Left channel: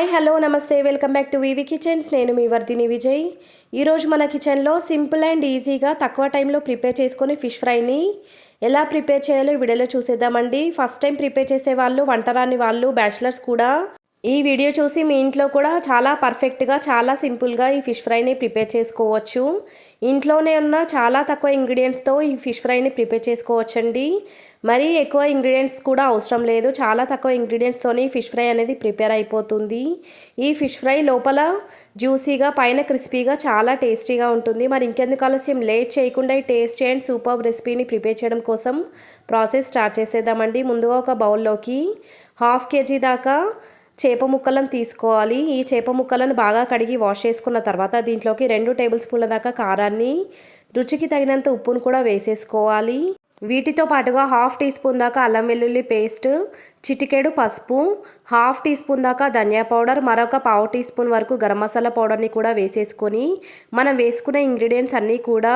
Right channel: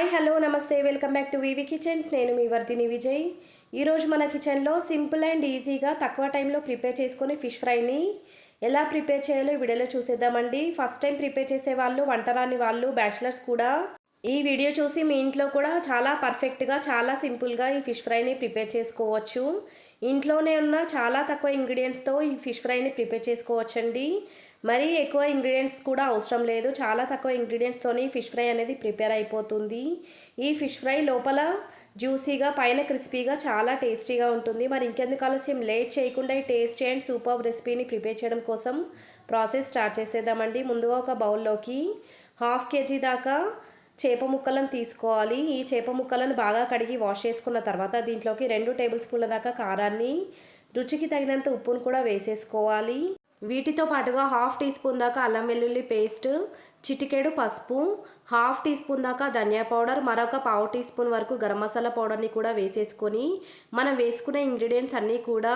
Hi hello నమస్తే. Welcome back to VV kitchens. నేను మీ వర్ధిని విజయ్. ఈరోజు మన కిచెన్లో సింపుల్ అండ్ ఈజీగా తక్కువ టైంలో ప్రిపేర్ చేసుకొని ఫిష్ ఫ్రైని ఎలా ప్రిపేర్ చేయాలో ఈ వీడియోలో చూసేద్దామండి. ఫస్ట్ టైం ప్రిపేర్ చేసే వాళ్ళు వంటరాని వాళ్ళు బ్యాచిలర్స్ కూడా ఈ వీడియో చూసి మీ ఇంట్లో కూడా చాలా పర్ఫెక్ట్గా చాలా సింపుల్గా ఈ ఫిష్ ఫ్రైని ప్రిపేర్ చేసుకోవచ్చు. ఇంట్లోనే ఉన్న చాలా తక్కువ ఇంగ్రీడియంట్స్తో ఈ ఫిష్ ఫ్రైని ప్రిపేర్ చేసుకోవచ్చండి. మరీ ఎక్కువ ఇంగ్రీడియంట్స్ కూడా అవసరం లేదు. చాలా తక్కువ ఇంగ్రీడియంట్స్తోని ఫిష్ ఫ్రై అనేది ప్రిపేర్ అయిపోతుంది. ఈ ఫిష్ ఫ్రై లోపల జ్యూసీగా పైన క్రిస్పీగా చాలా టేస్టీగా ఉంటుంది. మరి ఇంకెందుకు ఆలస్యం? లేట్ చేయకుండా ఈ టేస్టీ అండ్ సూపర్ రెసిపీని ప్రిపేర్ చేయడం కోసం ప్రాసెస్ స్టార్ట్ చేసేద్దామండి. ముందుగా ఒక బౌల్లోకి హాఫ్ కేజీ దాకా చేప ముక్కలను తీసుకోవాలి. ఈ చేప ముక్కలను బాగా కడిగి వాష్ చేసుకున్న తర్వాత దీంట్లోకి రెండు టేబుల్ స్పూన్ల దాకా కారాన్ని రుచికి తగినంత ఉప్పును కూడా వేసేసుకోవాలి. వీటితో పాటుగా హాఫ్ టీ స్పూన్ దాకా అల్లం వెల్లుల్లి పేస్ట్ చిటికెడు పసుపు హాఫ్ టీ స్పూన్ దాకా ధనియా పౌడర్ మరొక పావు టీ స్పూన్ వరకు గరం మసాలా పౌడర్ని కూడా వేసేసుకొని మనం వేసుకునే ఇంగ్రీడియంట్స్ అన్నీ కూడా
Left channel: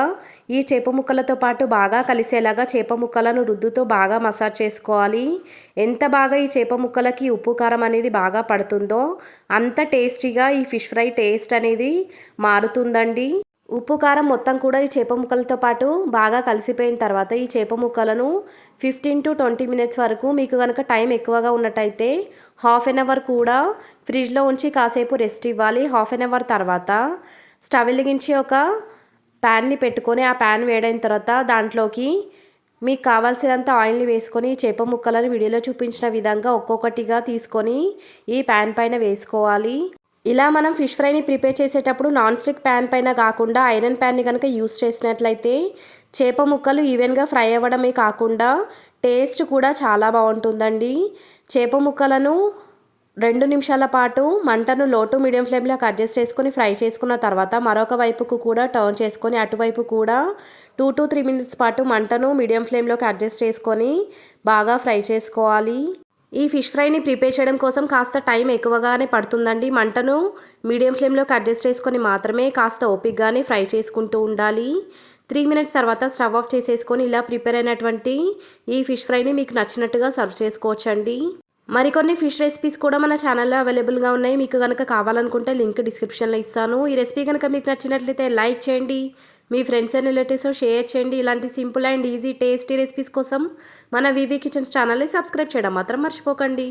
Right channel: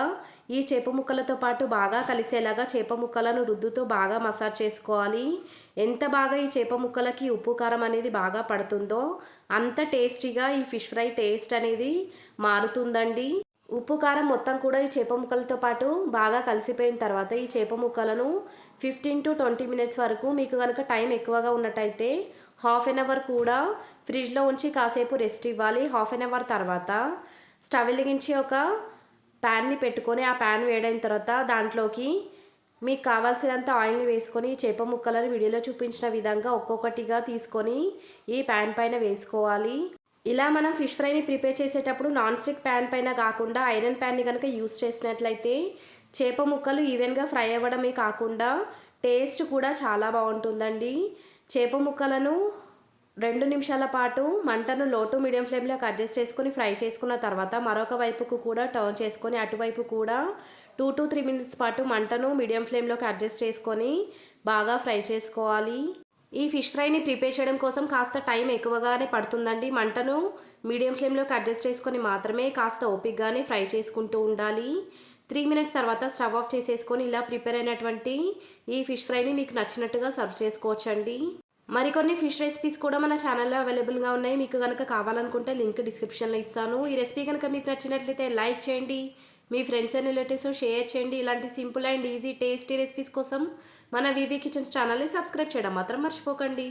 ఈ చేప ముక్కలతో పాటు బాగా కలిసేలాగా చేప ముక్కలను రుద్దుతో బాగా మసాజ్ చేసుకోవాలి. ఎంత బాగా ఈ చేప ముక్కలకి ఉప్పు కారం అనేది బాగా పడుతుందో అంత టేస్టీగా ఈ ఫిష్ ఫ్రై టేస్ట్ అనేది మారుతుందండి. ఉప్పు కారం మొత్తం కూడా ఈ చేప ముక్కలతో పాటు బాగా కలిసిపోయిన తర్వాత ఈ చేప ముక్కలను ఫిఫ్టీన్ టు ట్వంటీ మినిట్స్ వరకు మీకు కనుక టైం ఎక్కువగా ఉన్నట్టయితే హాఫ్ అన్ అవర్ కూడా ఫ్రిడ్జ్లో ఉంచి కాసేపు రెస్ట్ ఇవ్వాలి. హాఫ్ అన్ అవర్ తర్వాత స్టవ్ వెలిగించి ఒక ప్యాన్ని పెట్టుకొని ఆ ప్యాన్ వేడైన తర్వాత దాంట్లోకి మీకు కావాల్సినంత ఆయిల్ని వేసుకొని చేప ముక్కలను వీడియోలో చూపించిన విధంగా ఒక్కొక్కటిగా తీసుకొని ఈ ప్యాన్ పైన వేసుకోవాలి. ఇలా మనం ఫిష్ ఫ్రైని ప్రిపేర్ చేసేటప్పుడు నాన్ స్టిక్ ప్యాన్ పైన కాకుండా ఐరన్ ప్యాన్ని కనుక యూస్ చేసినట్లయితే చేప ముక్కలు ఈవెన్గా ఫ్రై అవ్వడమే కాకుండా టేస్ట్ కూడా చాలా బాగుంటుందండి. చేప ముక్కలను రెండు నిమిషాల పాటు మంటను లోటు మీడియం ఫ్లేమ్లోకి అడ్జస్ట్ చేసుకొని ఫ్రై చేసుకున్న తర్వాత మరొక వైపుకు కూడా టర్న్ చేసుకొని అటువైపు కూడా టూ టు త్రీ మినిట్స్ పాటు మంటను మీడియం ఫ్లేమ్లోకి అడ్జస్ట్ చేసుకొని బాగా ఫ్రై చేసుకోవాలి. ఈ ఫిష్ ఫ్రైని ప్రిపేర్ చేయడం కోసం కాస్త టైం ఎక్కువగానే పడుతుందండి. మంటను మీడియం ఫ్లేమ్లోకి అడ్జస్ట్ చేసుకొని మాత్రమే కాస్త ఓపిక్గానే ఫ్రై చేసుకుంటూ ఉండాలి. త్రీ మినిట్స్ తర్వాత స్టవ్ ఆఫ్ చేసేసుకొని ఇలా ప్రిపేర్ అయినటువంటి ఈ ఫిష్ ఫ్రైని మీకు నచ్చినట్టుగా సర్వ్ చేసుకోవచ్చండి. మరికొన్ని ఫిష్ రెసిపీస్ కూడా మన ఛానల్లో అవైలబుల్గా ఉన్నాయి. మీకు కనుక కావాలనుకుంటే లింక్ డిస్క్రిప్షన్లో ఇస్తాను. ఈ రెసిపీ కనుక మీకు నచ్చినట్లయితే లైక్ చేయండి. మీ ఫ్రెండ్స్ అండ్ రిలేటివ్స్ షేర్ చేయండి. ఇలాంటి simple and easy tasty recipes కోసం మన వివి కిచెన్స్ ఛానల్ని సబ్స్క్రైబ్ చేయడం మాత్రం మర్చిపోకండి.